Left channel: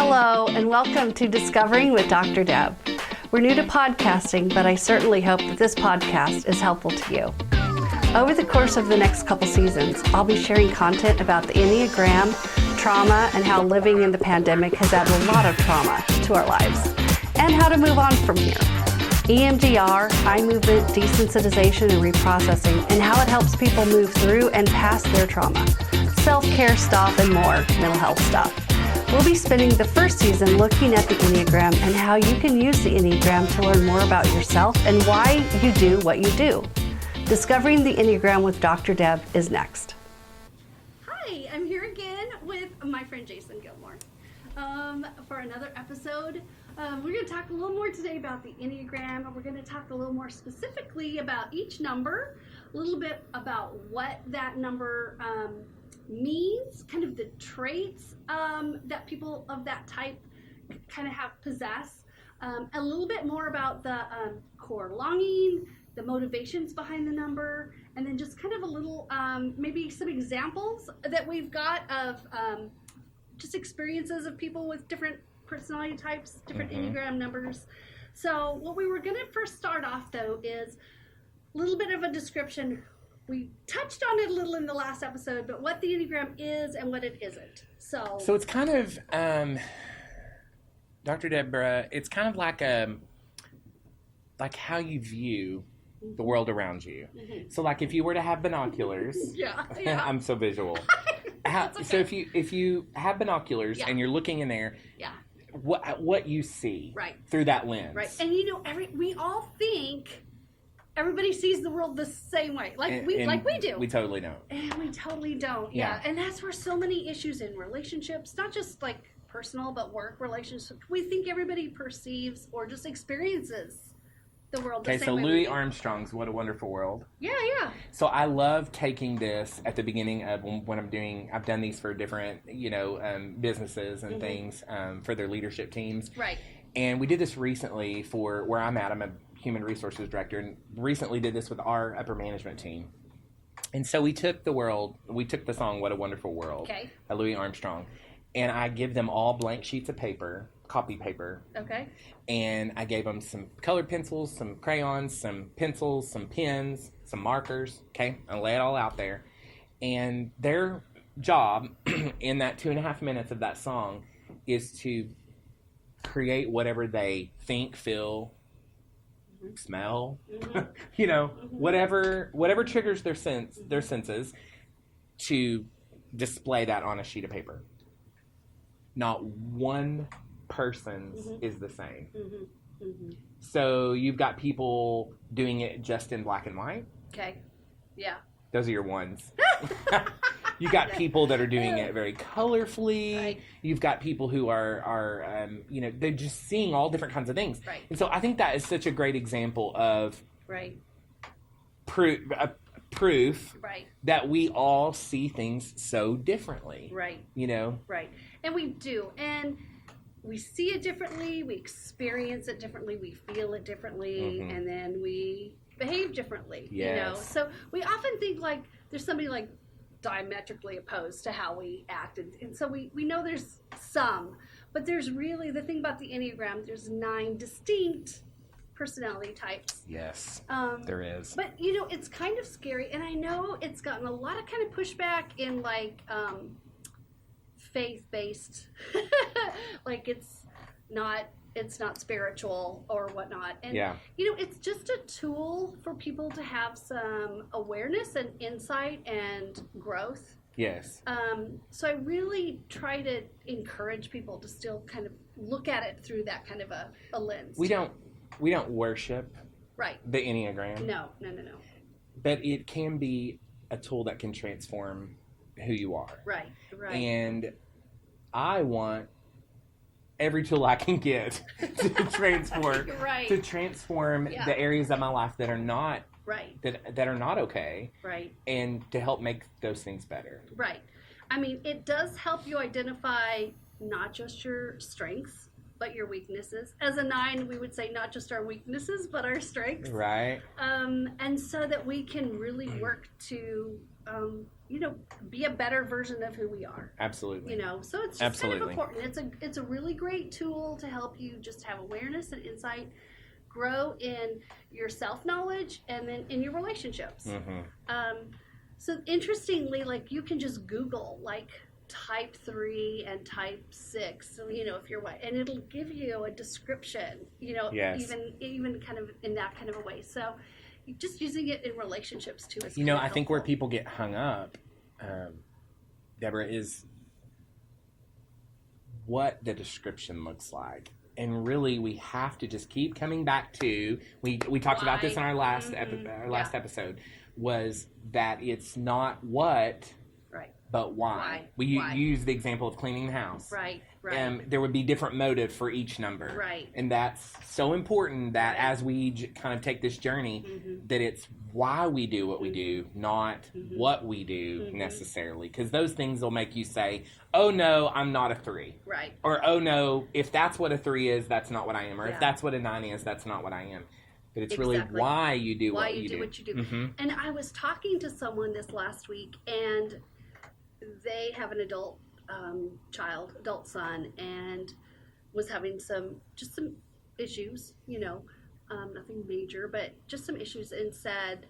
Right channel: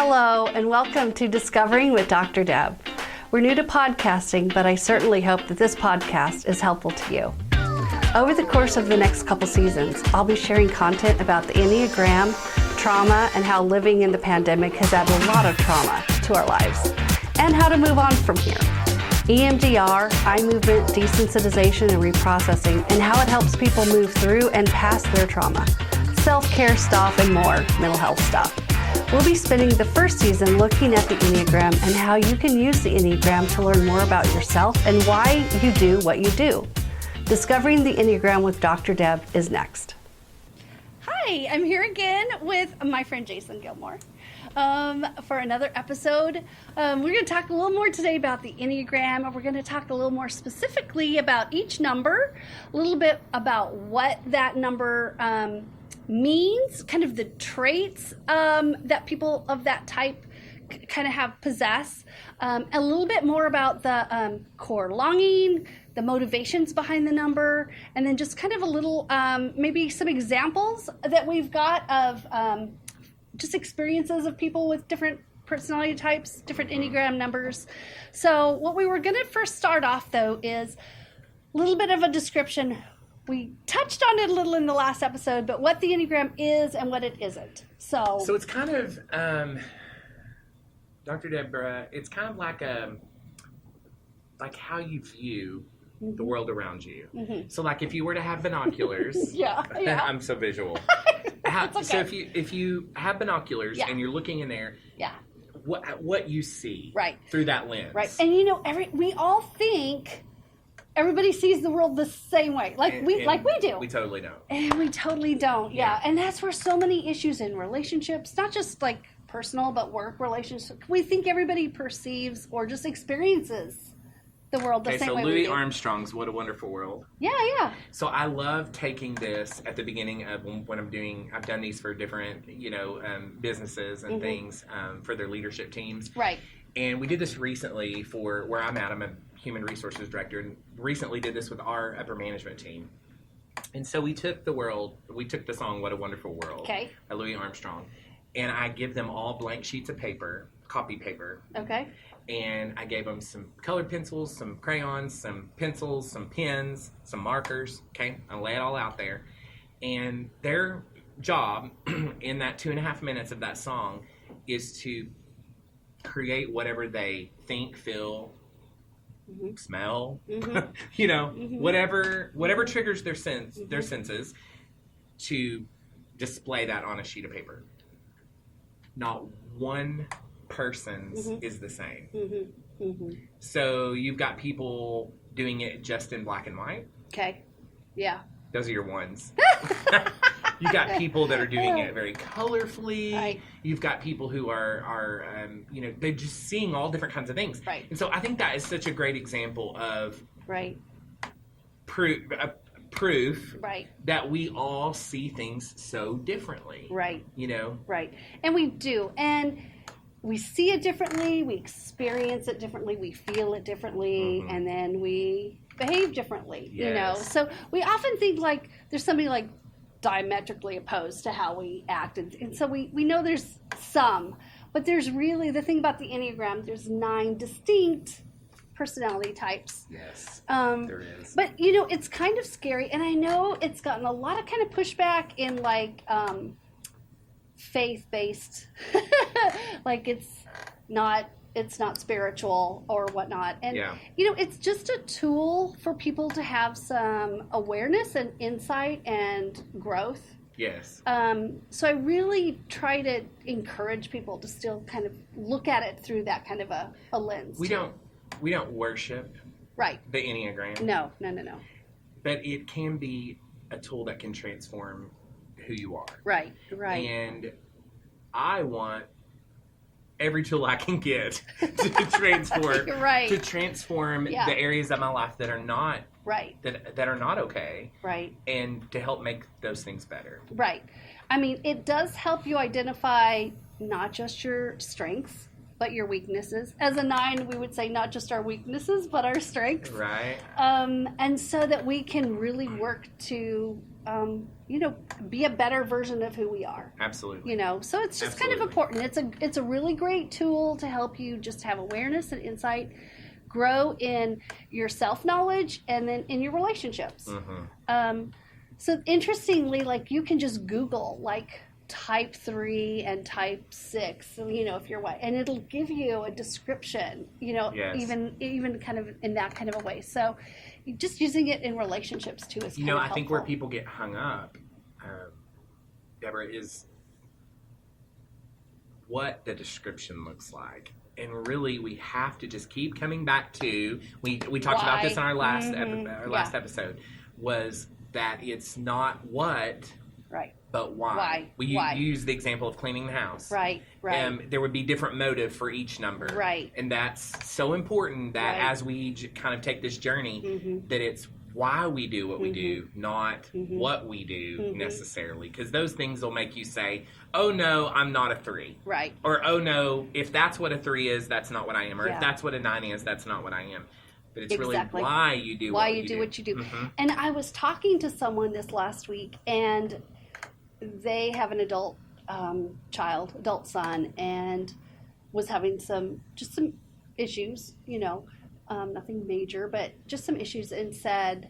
Hello, and welcome to Discovering with Dr. Deb. We're new to podcasting, but I certainly hope that this podcast is helpful to you. Over the course of the next couple seasons, I'll be sharing content about the Enneagram, trauma, and how living in the pandemic has added a lot of trauma to our lives, and how to move on from here. EMDR, eye movement, desensitization, and reprocessing, and how it helps people move through and past their trauma. Self-care stuff and more mental health stuff. We'll be spending the first season looking at the Enneagram and how you can use the Enneagram to learn more about yourself and why you do what you do. Discovering the Enneagram with Dr. Deb is next. Hi, I'm here again with my friend Jason Gilmore for another episode. We're going to talk a little more today about the Enneagram, and we're going to talk a little more specifically about each number, a little bit about what that number means, kind of the traits that people of that type kind of possess, a little bit more about the core longing, the motivations behind the number, and then just kind of a little, maybe some examples that we've got of just experiences of people with different personality types, different Enneagram numbers. So what we were going to first start off, though, is a little bit of a description. We touched on it a little in the last episode, but what the Enneagram is and what it isn't. So it's kind of, Dr. Deborah, it's kind of like how you view the world around you. Mm-hmm. So like if you were to have binoculars, yeah. I'm so visual. Okay. So if you have binoculars and you're looking in there, what you see through that lens. Right. And we all think everybody sees the world the same way, like we do. We totally don't. And we totally don't. Yeah. And that's where so many issues in relationships, not just like personal, but work relationships. We think everybody perceives or just experiences the world the same way. Okay, so Louis we do. Armstrong's What a Wonderful World. Yeah. So I love taking this at the beginning of when I've done these for different, businesses and things for their leadership teams. Right. And we did this recently for where I'm at. I'm a human resources director, and recently did this with our upper management team. And so we took the song What a Wonderful World by Louis Armstrong, and I give them all blank sheets of paper, copy paper. Okay. And I gave them some colored pencils, some crayons, some pencils, some pens, some markers. Okay, I lay it all out there. And their job in that 2.5 minutes of that song is to create whatever they think, feel, smell, whatever triggers their senses, to display that on a sheet of paper. Not one person's is the same. So you've got people doing it just in black and white. Okay. Yeah. Those are your ones. You've got people that are doing it very colorfully. Right. You've got people who are they're just seeing all different kinds of things. Right. And so I think that is such a great example of proof that we all see things so differently. Right. Right. And we do. And we see it differently, we experience it differently, we feel it differently, and then we behave differently. Yes. So we often think like there's somebody like diametrically opposed to how we act, and so we know there's some, but there's really, the thing about the Enneagram, there's 9 distinct personality types. Yes, there is. But it's kind of scary, and I know it's gotten a lot of kind of pushback in like faith-based, like it's not spiritual or whatnot, and it's just a tool for people to have some awareness and insight and growth. Yes. So I really try to encourage people to still kind of look at it through that kind of a lens. We don't worship the Enneagram. No. But it can be a tool that can transform who you are. Right. And I want every tool I can get to transform the areas of my life that are not that are not okay. Right. And to help make those things better. Right. I mean, it does help you identify not just your strengths, but your weaknesses. As a 9, we would say not just our weaknesses, but our strengths. Right. And so that we can really work to be a better version of who we are. Absolutely. So it's just kind of important. It's a really great tool to help you just have awareness and insight, grow in your self-knowledge, and then in your relationships. So interestingly, like, you can just Google like type 3 and type 6, if you're white, and it'll give you a description, Yes. even kind of in that kind of a way. So just using it in relationships too is I think where people get hung up, Deborah, is what the description looks like. And really, we have to just keep coming back to, we talked about this in our last episode, was that it's not what, right, but why. We use the example of cleaning the house. Right. There would be different motive for each number. Right. And that's so important that as we kind of take this journey, that it's why we do what we do, not what we do necessarily. Because those things will make you say, oh no, I'm not a 3. Right. Or, oh no, if that's what a 3 is, that's not what I am. Or if that's what a 9 is, that's not what I am. But it's really why you do what you do. What you do. And I was talking to someone this last week, and they have an adult son, and was having some issues, nothing major, but just some issues, and said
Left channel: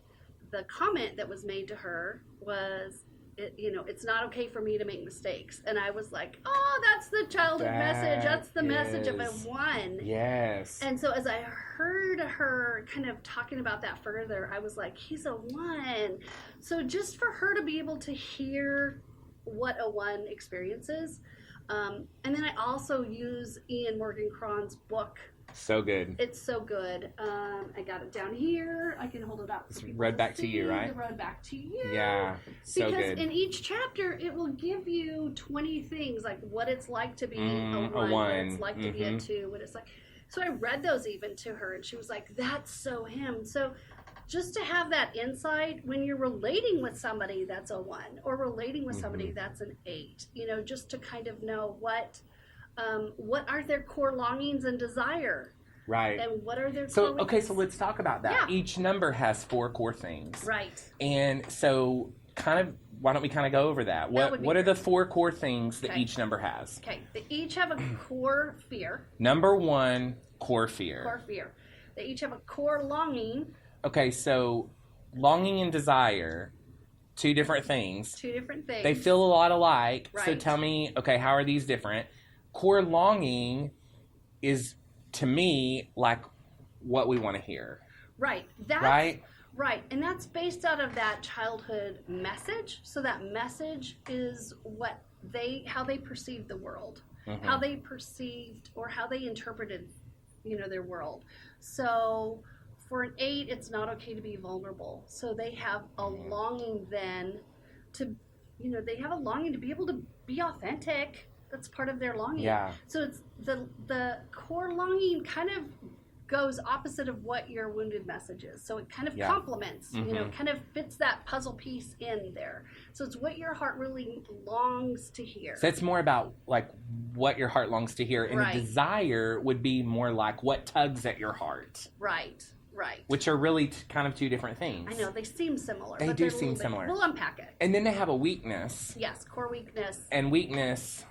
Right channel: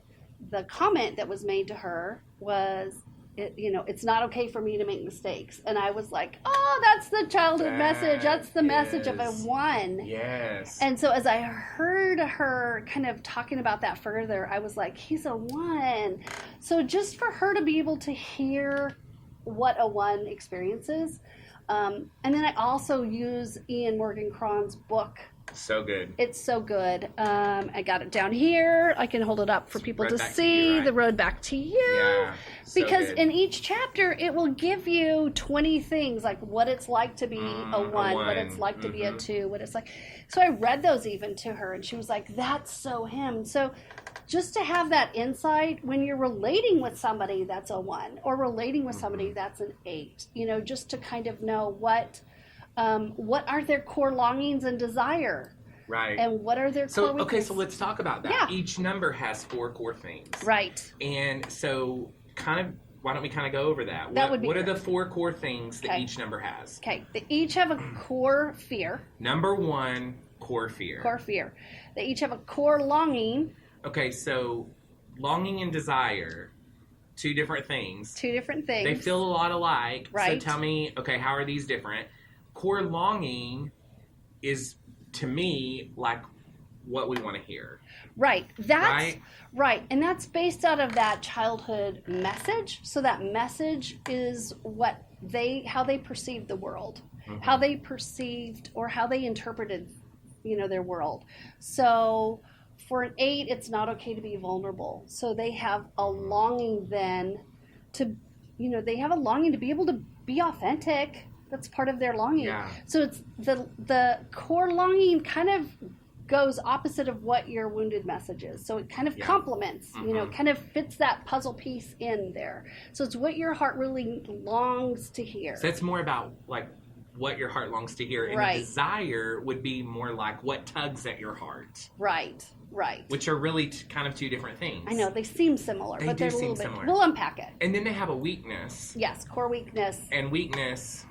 the comment that was made to her was, it's not okay for me to make mistakes. And I was like, oh, that's the childhood message. That's the message of a 1. Yes. And so as I heard her kind of talking about that further, I was like, he's a 1. So just for her to be able to hear what a 1 experiences. And then I also use Ian Morgan Cron's book. So good. It's so good. I got it down here. I can hold it up for people to see. The Road Back to You. Yeah. So because good. in each chapter, it will give you 20 things, like what it's like to be a 1, what it's like to be a 2, what it's like. So I read those even to her, and she was like, that's so him. So just to have that insight when you're relating with somebody that's a 1, or relating with somebody that's an 8, just to kind of know what are their core longings and desire. Right. And what are their core weaknesses? Okay, so let's talk about that. Yeah. Each number has 4 core things. Right. And so why don't we kind of go over that? What are the 4 core things that each number has? Okay. They each have a core fear. Number 1, core fear. Core fear. They each have a core longing. Okay, so longing and desire, 2 different things. 2 different things. They feel a lot alike. Right. So tell me, okay, how are these different? Core longing is, to me, like what we want to hear. Right. Right. And that's based out of that childhood message. So that message is how they perceived the world, how they perceived or how they interpreted, their world. So for an 8, it's not okay to be vulnerable. So they have a longing then to, they have a longing to be able to be authentic. That's part of their longing. Yeah. So it's the core longing kind of goes opposite of what your wounded message is. So it kind of complements, kind of fits that puzzle piece in there. So it's what your heart really longs to hear. So it's more about like what your heart longs to hear. And a desire would be more like what tugs at your heart. Right. Which are really kind of 2 different things. I know, they seem similar. They but do they're seem similar. We'll unpack it. And then they have a weakness. Yes, core weakness. And weakness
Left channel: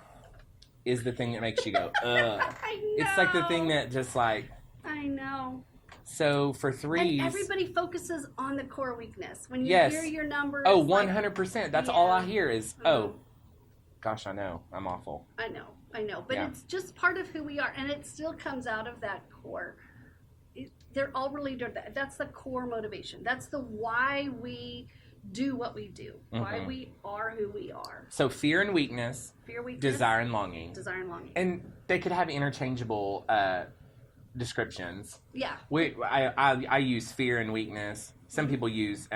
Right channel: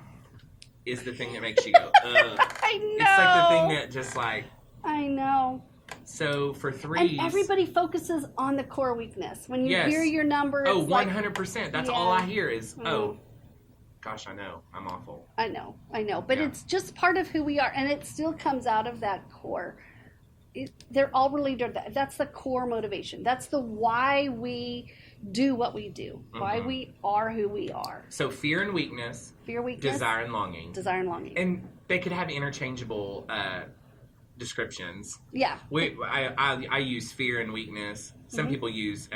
is the thing that makes you go, ugh. I know. It's like the thing that just like... I know. So for 3s... And everybody focuses on the core weakness. When you hear your numbers... Oh, 100%. That's all I hear is, gosh, I know. I'm awful. I know. But it's just part of who we are. And it still comes out of that core. They're all related to that. That's the core motivation. That's the why we do what we do. Why we are who we are. So fear and weakness. Desire and longing. And they could have interchangeable descriptions. Yeah. I use fear and weakness. Some people use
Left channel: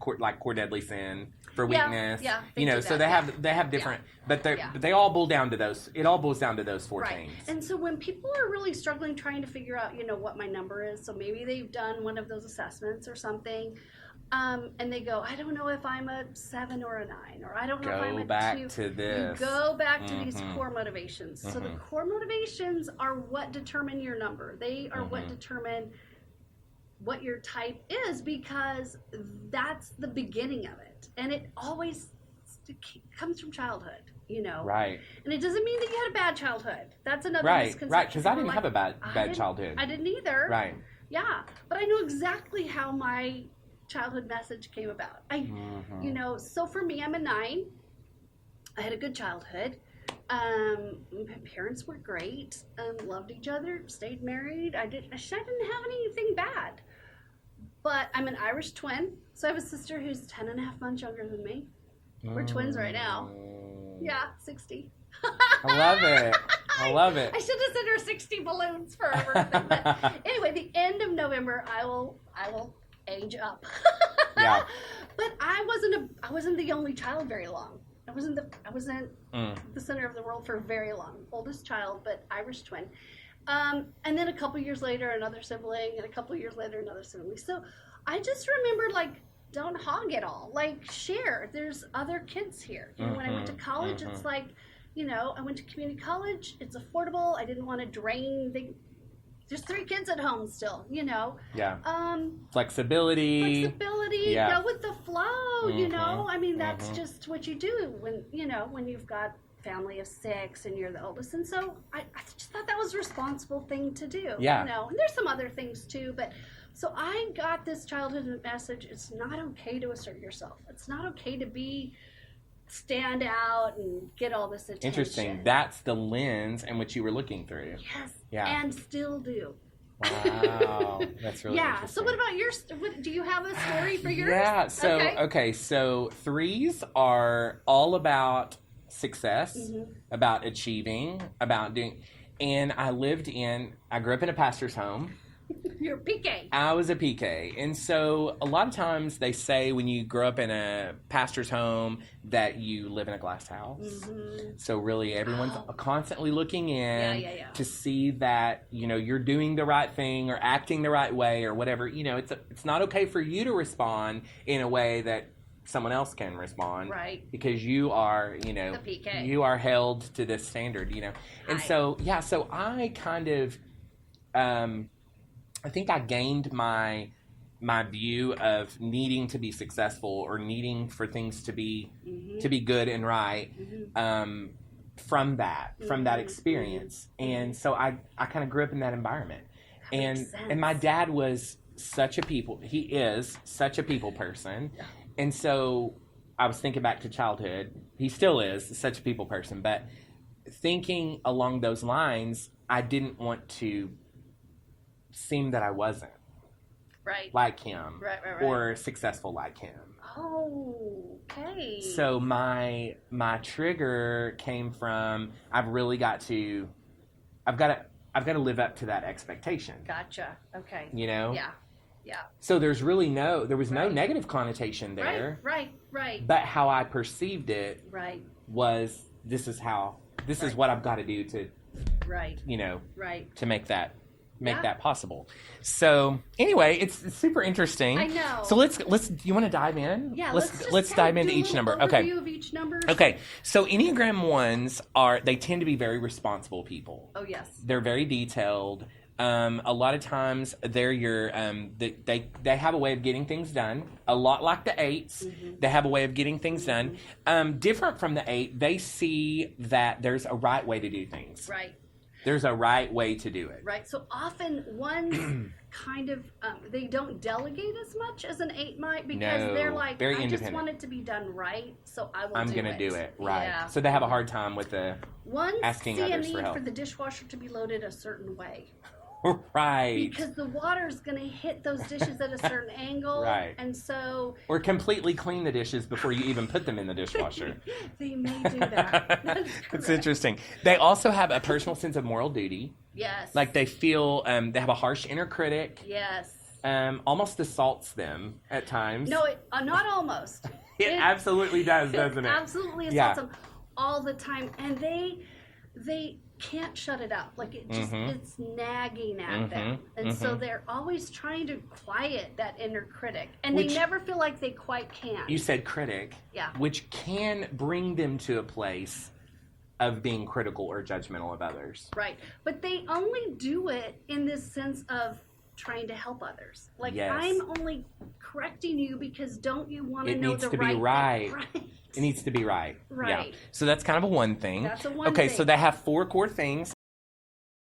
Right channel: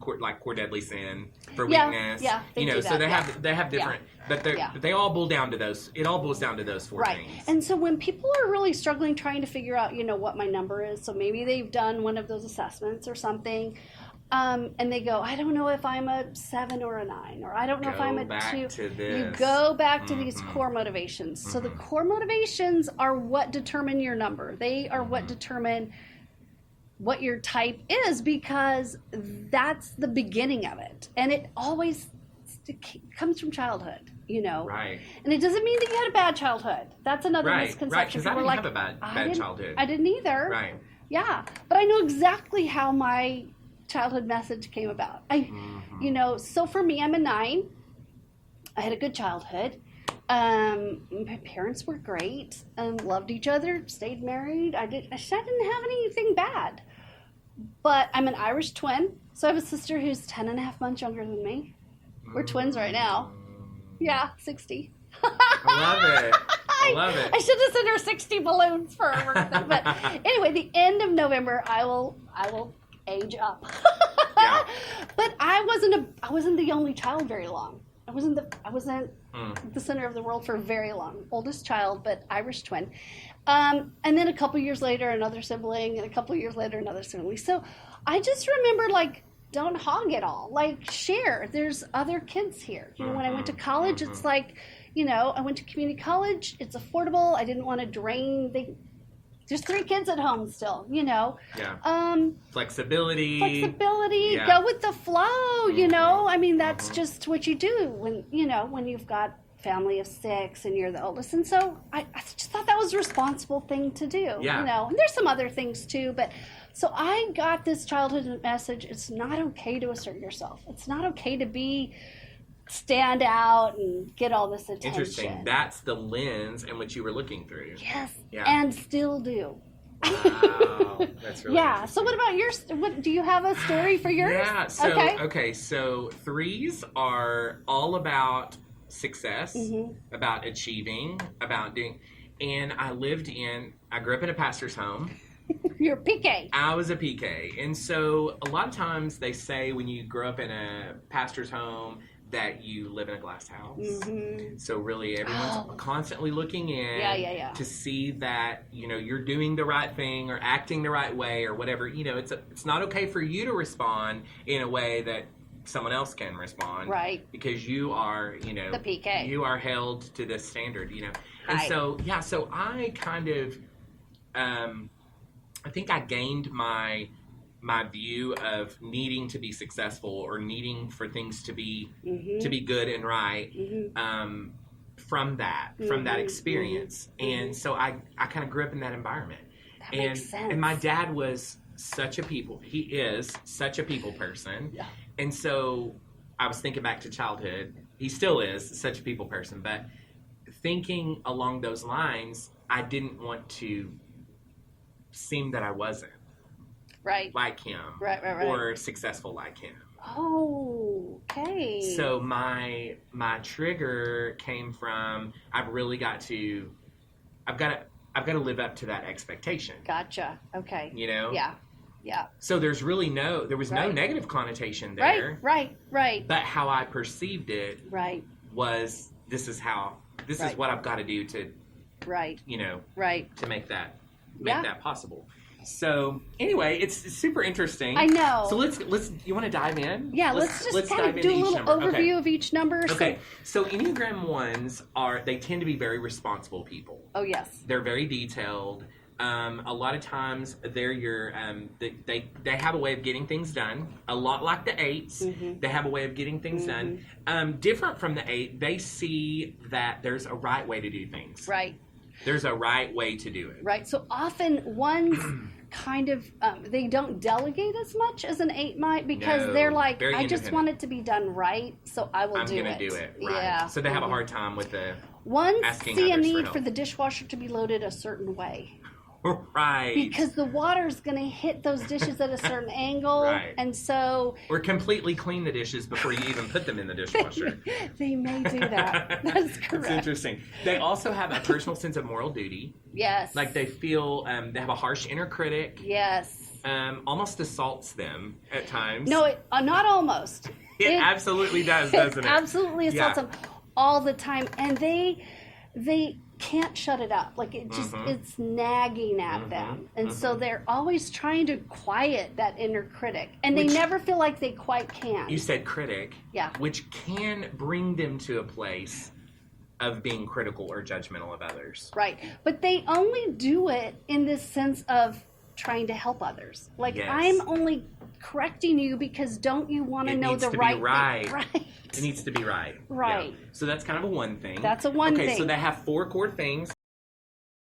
core deadly sin for weakness. Yeah. So they have different, but they all boil down to those. It all boils down to those 4 things. And so when people are really struggling trying to figure out, what my number is, so maybe they've done one of those assessments or something, and they go, I don't know if I'm a 7 or a 9, or I don't know if I'm a 2. You go back to these core motivations. So the core motivations are what determine your number. They are what determine what your type is, because that's the beginning of it, and it always comes from childhood, Right. And it doesn't mean that you had a bad childhood. That's another misconception. Right, because I People didn't are have a bad childhood. I didn't either. Right. Yeah, but I know exactly how my childhood message came about. So for me, I'm a 9. I had a good childhood. My parents were great. Loved each other. Stayed married. I didn't have anything bad. But I'm an Irish twin, so I have a sister who's 10 and a half months younger than me. We're twins right now. Yeah, 60. I love it. I should have sent her 60 balloons for her birthday. But anyway, the end of November, I will age up. Yeah. But I wasn't the only child very long. I wasn't the center of the world for very long. Oldest child, but Irish twin. And then a couple years later, another sibling, and a couple years later, another sibling. So I just remember, don't hog it all. Share. There's other kids here. When I went to college, it's I went to community college. It's affordable. I didn't want to drain. There's 3 kids at home still, Yeah. Flexibility. Yeah. Go with the flow, I mean, that's just what you do when you've got family of 6 and you're the oldest. And so I just thought that was a responsible thing to do. Yeah. And there's some other things too, but so I got this childhood message. It's not okay to assert yourself. It's not okay to stand out and get all this attention. Interesting. That's the lens in which you were looking through. Yes. Yeah. And still do. Wow. That's really yeah. So what about yours? Do you have a story for yours? Yeah. So okay. So 3s are all about success, about achieving, about doing. And I grew up in a pastor's home. You're a PK. I was a PK. And so a lot of times they say when you grow up in a pastor's home that you live in a glass house. So really everyone's constantly looking in to see that, you're doing the right thing or acting the right way or whatever. It's not okay for you to respond in a way that someone else can respond. Right. Because you are, the PK. You are held to this standard, And so I kind of, I think I gained my view of needing to be successful or needing for things to be good and right from that experience. And so I kind of grew up in that environment. That makes sense. And my dad was he is such a people person. Yeah. And so I was thinking back to childhood. He still is such a people person, but thinking along those lines, I didn't want to seem that I wasn't like him or successful like him. Oh, okay. So my trigger came from I've got to live up to that expectation. Gotcha. Okay. Yeah. So there was no negative connotation there. Right. But how I perceived it was this is what I've got to do to to make that possible. So anyway, it's super interesting. I know. So let's you want to dive in? Yeah, let's dive into each number. Overview of each number. Okay. So Enneagram 1s they tend to be very responsible people. Oh yes. They're very detailed. A lot of times they're your they have a way of getting things done. A lot like the 8s, they have a way of getting things done. Different from the 8, they see that there's a right way to do things. Right. There's a right way to do it. Right. So often ones kind of they don't delegate as much as an 8 might because they're like, I just want it to be done right, so I'm going to do it. Right. Yeah. So they have a hard time with the ones asking see a others need for the dishwasher to be loaded a certain way. Right. Because the water's going to hit those dishes at a certain angle. Right. And so... Or completely clean the dishes before you even put them in the dishwasher. They may do that. That's correct. It's interesting. They also have a personal sense of moral duty. Yes. Like they feel, they have a harsh inner critic. Yes. Almost assaults them at times. No, not almost. It absolutely does, doesn't it? Absolutely assaults them all the time. And they can't shut it up. Like it just it's nagging at them. And so they're always trying to quiet that inner critic. And they never feel like they quite can. You said critic. Yeah. Which can bring them to a place of being critical or judgmental of others. Right. But they only do it in this sense of trying to help others. Like, Yes. I'm only correcting you because don't you want to It know needs the to be right right. thing? Right. It needs to be right. Right. Yeah. So that's kind of a one thing. That's a one okay, thing. so they have 4 core things.